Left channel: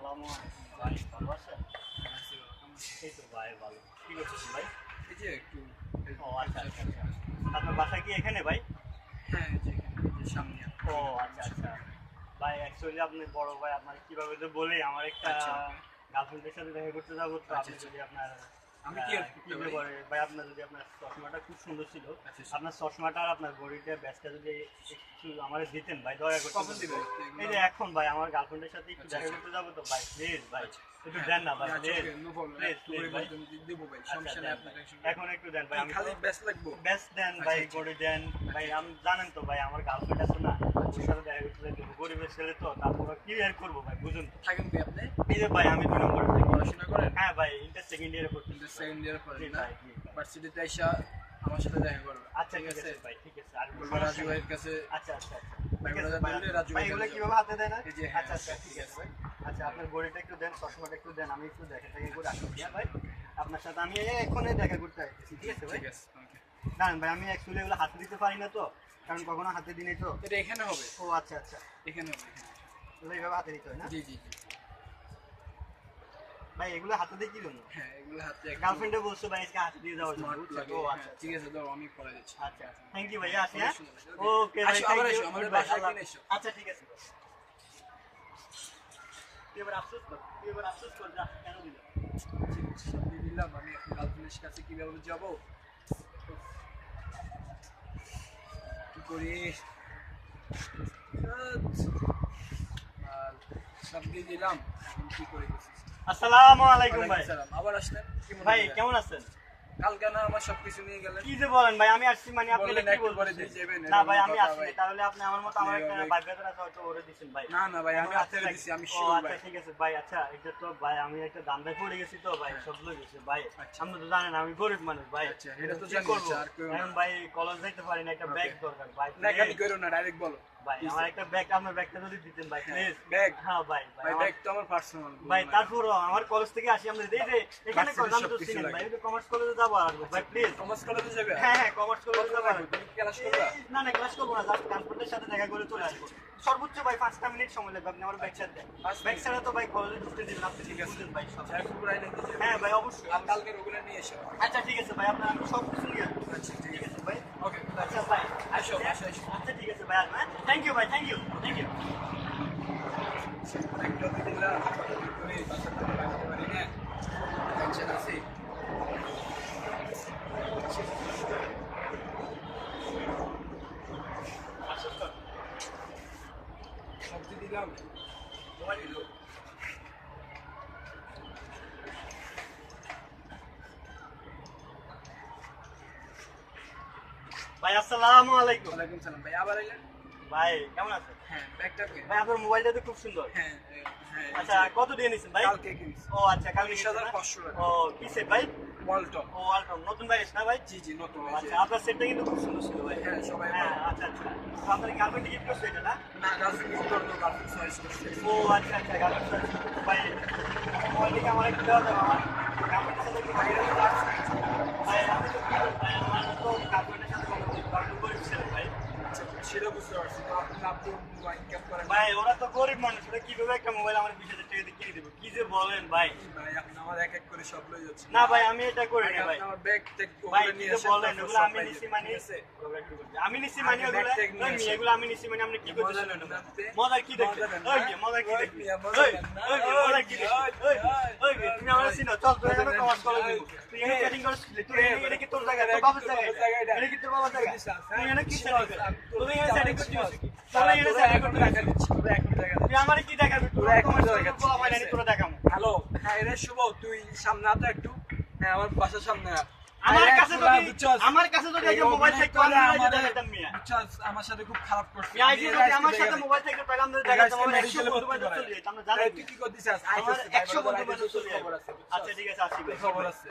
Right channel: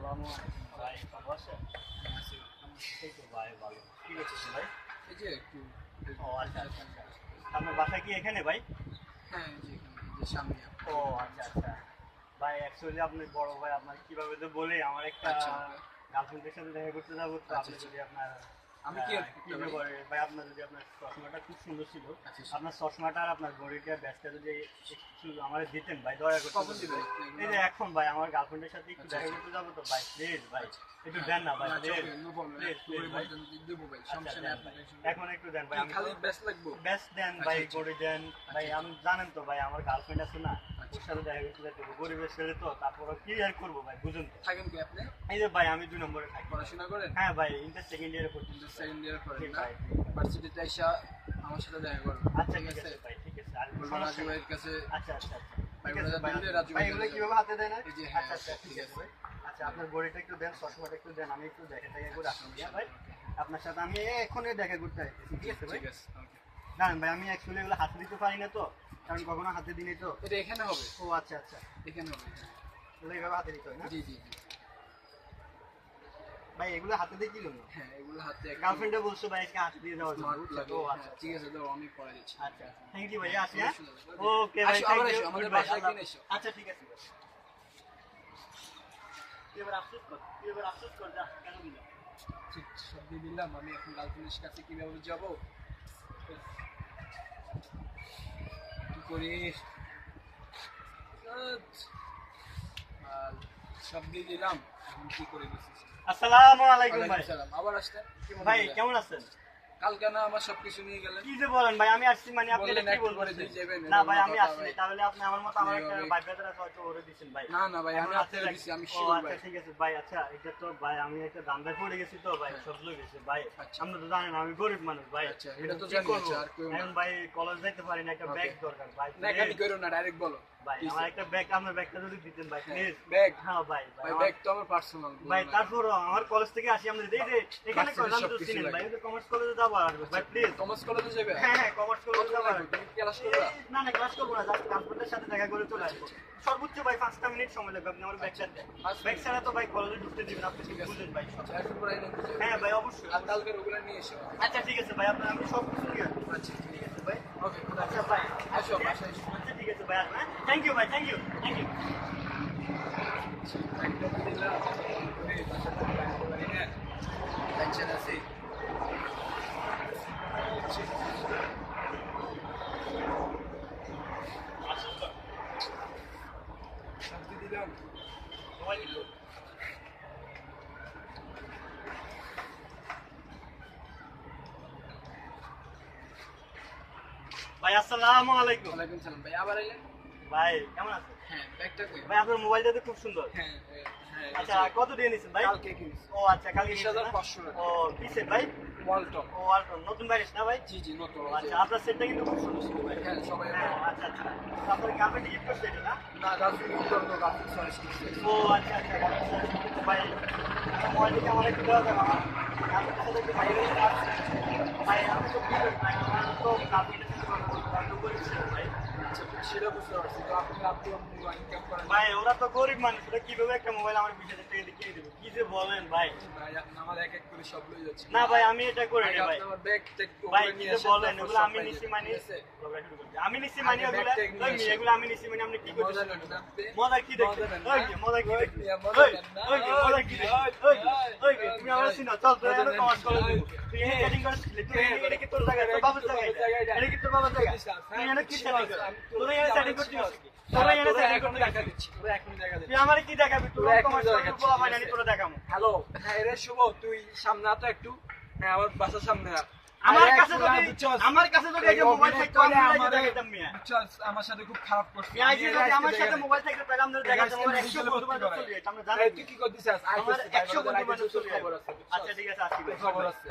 আসসালামু আলাইকুম ভাই, ভালো আছেন? এই তো ভাই ভালো। কি করতেছেন ভাই? এই যে একটু ও আচ্ছা আচ্ছা আচ্ছা। আপনার বাসা কি এখানে ভাই? হ্যাঁ, এই যে এখানে এই যে সামনে ও আচ্ছা আচ্ছা। ভাই অ্যাকচুয়ালি আপনি বড় ভাই, আপনার কিভাবে তো বলি, আমার একটা আচ্ছা, গার্লফ্রেন্ডের সাথে দেখা করতে যাবো তো। আচ্ছা, আপনি আচ্ছা। যদি আপনার আমি কি হেল্প কি করতে পারি? ব্যাপারে ভাই, আপনার যদি আপনার চশমাটা খুব সুন্দর ছিল, আচ্ছা, আপনার চশমাটা আর আপনার ঘড়িটা ব্যাচটা যদি একটু আমার দিতেন ভাই, দয়া করে। কখন দিবেন? এই যে এখন ভাই আমার গার্লফ্রেন্ডের সাথে একটু আচ্ছা, দেখা আচ্ছা। করতে যাবো তো ভাই, প্লিজ ভাই একটু হ্যাঁ, দেন না ভাই, আচ্ছা, please okay, no problem. Please please ভাই। দেবো ভাই, আচ্ছা সমস্যা নেই, দেন আপনি ভাই, টেনশন এখন একটু দেন ভাই। আমি খালি ব্যাস লাগবো? বেস্ট দেন আচ্ছা, ভাই, আচ্ছা। করে দেন ভাই। আচ্ছা। আমি জানেন তো ভাই, আমার গার্লফ্রেন্ড আছে না, ওর সাথে দেখা করতে দেবো, গরিবের ছেলে তো, তারপর কি আর করবো ভাই, বুঝুন তো। থাকেন কি আপনি? এই যে ভাই আমি 2 নম্বরে থাকি। পড়াশোনা করেন? হ্যাঁ ভাই, ইন্টার সেকেন্ড ইয়ারে পড়ছি। ইন্টার সেকেন্ড ইয়ার জি করেন না? ভাই, জি ভাই। ভার্সিটিতে আইসা আমার সাথে দেখা করুন। আচ্ছা ঠিক ঠিক আছে? আছে ভাই, ঠিক আছে। আর বলবো সমস্যা রাজু নেই। ভাইয়ের কাছে। আচ্ছা আচ্ছা আচ্ছা ভাই ঠিক বলে আছে ভাই। দিলে রাজু ভাই ভাই এগুলো চলে কিভাবে হাতে দেয় না? এই যে, হ্যাঁ, আচ্ছা আচ্ছা ঠিক আছে ভাই। আচ্ছা আপনার ঘড়িটা একটু দেন, চশমাটা একটু দেন, আমি একটু দেখা টাকা করে আসি। হ্যাঁ ভাই, আপনার সাথে আমি এখনই দেখা করতে আসতেছি, ঠিক আছে ভাই? ঠিক আছে, ওকে। জানেন ভাই, আমি অ্যাকচুয়ালি এগুলো হাতে দিতে পারি না তো, কারণ কখনো হাতে দিই নাই তো। এটা এখানে হবে, ও আচ্ছা আচ্ছা, এখানে হবে, হ্যাঁ। এগুলো এইভাবে হাতে দিতে হয় না জি, জি, জি। ভাই? এগুলো হাতে দিয়ে কি জন্য? হ্যাঁ, এগুলো হাতে একটু গার্লফ্রেন্ডে বলছো ভাই আজকে হাতে দিয়ে দেওয়ার জন্য, স্মার্ট বুঝছো লাগে। তো? হ্যাঁ, আচ্ছা ঠিক আছে, দাও, আমি করে দিচ্ছি। আচ্ছা থ্যাংক ইউ ভাই, আসি। হ্যাঁ অনেক সুন্দর লাগে। ওকে ভাই, আসো, thank আবার you, এসো, আমাদের goodbye, বাসায় আল্লাহ- একদিন এসো। আচ্ছা ঠিক আছে ভাই। তুই এবার আফসোস কর, তুই এবার আফসোস কর, যা কেন দিলাম। সব দিয়ে দিলাম, আমি এখন গার্লফ্রেন্ডের কাছে কিভাবে যাব? কি করি? আর সব দিয়ে দিলাম, এখন কি করে বসেছি? আসসালামু আলাইকুম ভাই। আবার আসলেন? কি মনে ভাই করে? কেমন আছেন? কালকে না আমার সবকিছু নিয়ে গেলেন? কি যে বলেন ভাই, আমি আসছি মানে আপনি বললেন এটা কি একটু পরে দিয়ে বলছেন? যাবেন, না এরকম ভাই আমি কথা আসিনি, ভাই। তাহলে আপনি আমার মতো আমার একটা এইভাবে- ভাই ব্রাদার আছে, হয়তো ওরে দিছেন ভাই। না না ভাই, আমি এখন আপনাকে আসছে দিছি, আমি ও শিওর আচ্ছা ভাই। ঠিক আছে ভাই। আচ্ছা এটা তো ভাই আমি একটা দান্দায় পড়ে গেছি তো ভাই, হ্যাঁ। সব লোক গেছে ভাই। আচ্ছা। আপনি তো জানেন আমি গরিব মানুষ ভাই। আচ্ছা, এটা তো কি জানি, করবো? আচ্ছা, আর কেউ না। এখন ভাই কলেজ যাইতে পারি না, একটা Okay. ব্যাগ দরকার ভাই। নাকামি please। করো না, ডাইরেক্ট বলো। ভাই কি আমার sir? একটা ব্যাগ, আপনার ব্যাগটা যদি দিতেন ভাই প্লিজ। ব্যাগ? হ্যাঁ ভাই ভাই ভাই আমার- ব্যাগ তো আমার পার্সোনাল ভাই তারপরও আমার কলেজ থেকে আসি, আমরা এই যে এখানে Varsity কলেজ, আমি তো সবকিছু চিনেন লাগে। ভাই, ওই যে কমার্স কলেজে যাবো আর আসবো ভাই প্লিজ। কমার্স কলেজে যাবে? হ্যাঁ হ্যাঁ কমার্স কলেজে কত যাবো আর লাগবে? আসবো। তুমি ক্লাস করবা? না না ক্লাস করবো না, জাস্ট গার্লফ্রেন্ডের সাথে দেখা করে চলে আসবো। সর্বোচ্চ ভাই 5টা মিনিট সময় লাগবে, আপনি আমার ব্যাগ সাথে দেন। 5 ব্যাগ মিনিট? ছাড়া তো ভাই কলেজে ঢুকতে দিবেন, আপনি ঠিক ঠিক আছে। বুঝেন ভাই সব। এখন পুরাই নাকি যাবে? হ্যাঁ ভাই অবশ্যই। আর কালকে ওগুলো নিয়ে এসো। আচ্ছা ঠিক আছে ভাই, আপনার আমি সব কিছু নিয়ে আসবো। আচ্ছা, ঠিক ঠিক আছে। আছে ভাই। ওকে, আচ্ছা ভাই আসো, বাসায় এসো। আচ্ছা ঠিক আছে ভাই, আসবো। হ্যাঁ থ্যাংক ইউ ভাই, থ্যাংক ইউ থ্যাংক ইউ। ব্যাগটা তো দিলাম, কি করে বাসা থেকে বাড়িতে পারি না, টেনশন আছে। সব দিয়ে দিলাম। ভাই আসসালামু আলাইকুম। ওয়ালাইকুম সালাম ভাই, আবার এলেন? ভাই কেমন আছেন? হ্যাঁ, ব্যাগটা কই? ভাই আপনার মোবাইলটা তো খুব সুন্দর। হ্যাঁ, হ্যাঁ, এই আচ্ছা যে কত দিয়ে নিছেন ভাই? কালকে কিনছি। ও আচ্ছা কালকে নিছেন না? 19,500 টাকা। ও পিসের ভাই? ওয়ালটন। ও আলট্রন নতুন ব্যাগেস না ভাই? জি জি, নতুন। ও এই যে- আচ্ছা আপনার সেটটা কিন্তু খুব সুন্দর ছিল ভাই। হ্যাঁ, সবাই হ্যাঁ বলে। আচ্ছা আচ্ছা। তো আপনার গার্লফ্রেন্ড গিফট করছে এটা না? না, গার্লফ্রেন্ড ইউজ করতো, গার্লফ্রেন্ড চয়েস করছে। ও আচ্ছা আচ্ছা, গার্লফ্রেন্ড ভাই আমার মোবাইলটিকে আমার একটু দেওয়া যাবে, আমার গার্লফ্রেন্ডের সাথে একটু বাইরে যেতে পারছি। ভাই আমি তো কি করি ভাই, আমার তো গার্লফ্রেন্ডের সাথে কথা বলতে পারবো, গরিব ছেলে ভাই। আচ্ছা, সেটা বুঝতে পারছি। তো আপনি ইনকাম করেন না? ভাই ওরা তো গরিব মানুষ, ওরা কিভাবে একটা মোবাইল আমার 20,000 টাকা দিয়ে কিনে দেবো? কি যে বলেন ভাই। ভাই আপনি আমার এক এক করে সব লয়ে যাচ্ছেন। না ভাই আমি এটা করি আগে না ভাই। আপনি আমার ব্যাগ টেক ভাই ওগুলো কি নিয়ে যে আসেন, বলেন, তারপর ওগুলো সব আমি পাই নিছি যাবেন, মানে ঠিক আছে? আমি নিছি মানে আগে ওগুলো ব্যাগ ট্যাগ নিয়ে আসেন। এগুলো আমি নিছি মানে আপনি কি করতেছেন? মজা নেন না? মজার কি দেখছেন? মজা নেন না? ওই যে মজার কি ওই দেখছেন? মিয়া, মজা ওই নেন না? ওই যে মজার কি দেখছেন? ওই যে, ওই যে, তুমি আমার চিনো, চল তোর মজা সাথে নেন। কমার্স কলেজ ওই, দেবো। তুই এখানে এই, চ্যাটিং করছিস, তুই এই, এটা কি তোর জায়গা, তোর এটা বাবার কি তোর জায়গা বাবার জায়গা এটা? এটা কি তোর বাবার জায়গা? বিশ্বাস, তুই হ্যাঁ, এখানে কি বিশ্বাস, চ্যাটিং করছিস? আমি তোর এখানে চ্যাটিং করছিস? তোর এখানে তোরা চ্যাটিং এখন করছিস? দেখা দিচ্ছি, তোরা এখন দেখা তুই দিচ্ছি। আমারে কি দেখাবি? তোর তোরা এখন কমার্স কলেজ দেখাচ্ছিস, বলা ঠিক হয় না, আছে? তোরা দেখামু। হ্যালো, হ্যাঁ রে শুভ, তুই সামনে আতো একটু। হ্যাঁ, আমার বাসার সামনে আয়। আমার আরে কাছে একলা যদি বুঝছস? আমার কাছে যদি এই একটা মোবাইল অভিনয় থাকতো করে আমি আইজি আমাদের- দেখাতাম মিয়া। বুঝছস, আমার সাথে খুব খারাপ করছিস। মিয়া আইজি যদি আমার সাথে মোবাইল থাকতো তাহলে আমরা দেখাতাম, আমার 100 বন্ধু বান্ধব চলে যেত, আমরা জানি তুই কি করতেছিস? আমার 100 বন্ধু বান্ধব চলে যেত। খবর আছে। আচ্ছা ঠিক আছে আসি ভাই। খবর আছে।